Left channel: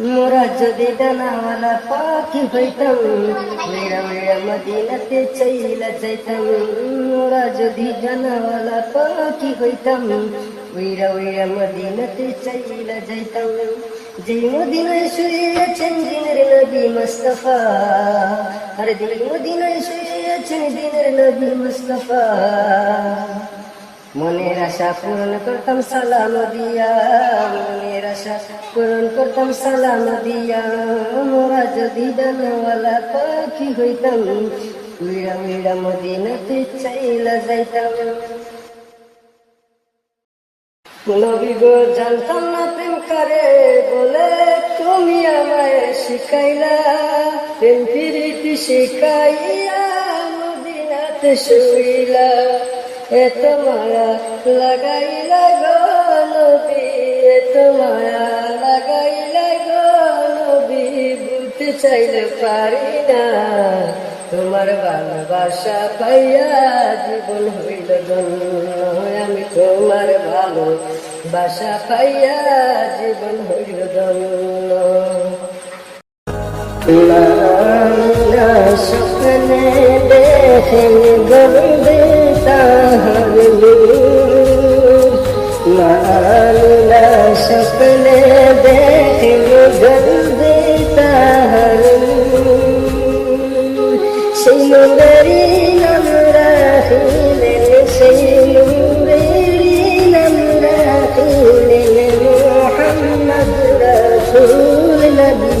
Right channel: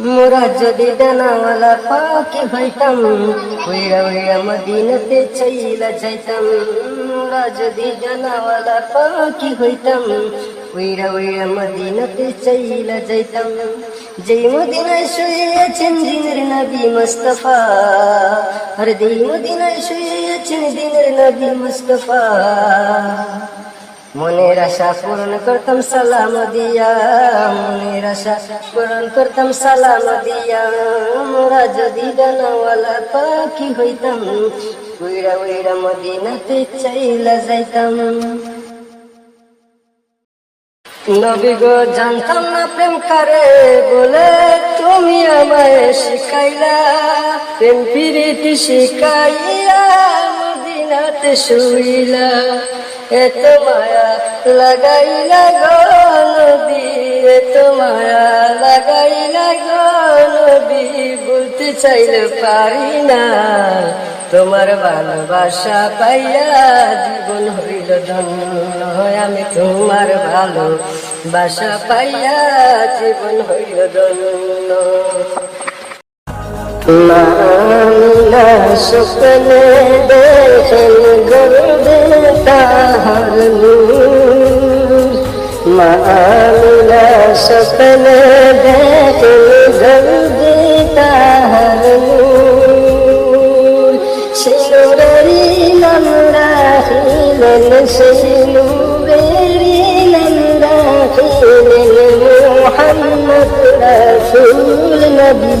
মোরা যদি ডানাওয়ালা পাখি হইতাম উইরা উইরা মদিনাতে চাইলা যাইতাম মোরা যদি ডানাওয়ালা পাখি হইতাম উইরা উইরা মদিনাতে চাইলা যাইতাম যেই মদিনায় শুয়েছেন দিনের নবী মুস্তফা আর যেই মদিনায় শুয়েছেন দিনের নবী মুস্তফা মনের আশা পূরণ করতাম, সালাম দিয়া। মনের আশা পূরণ করতাম, সালাম দিয়া। মোরা যদি ডানাওয়ালা পাখি হইতাম উইরা উইরা মদিনাতে চাইলা যাইতাম। নবী গো, জানতাম না প্রেম করে, বলে তুমি আমায় শিখাইলা। প্রেম প্রীতি শিখাইয়া মদিনাতে শুইলা। এত মায়া লাগাইলা গো নদী এত মায়া লাগাইলা গো নদী বলতে চাইলে পারি না। তোমার ভালোবাসা পাইয়া জীবন হইল ধন্য, আমি তোমার ভালো বাসা পাইয়া জীবন হইল ধন্য। শুকনে দেখেন গন্ধে তাহার মালা শুকনে দেখেন গন্ধে তাহার সেই নুরেরি নাম রাখিলেন সেই নুরেরি নাম রাখিলেন মোহাম্মদ রাসূল নবী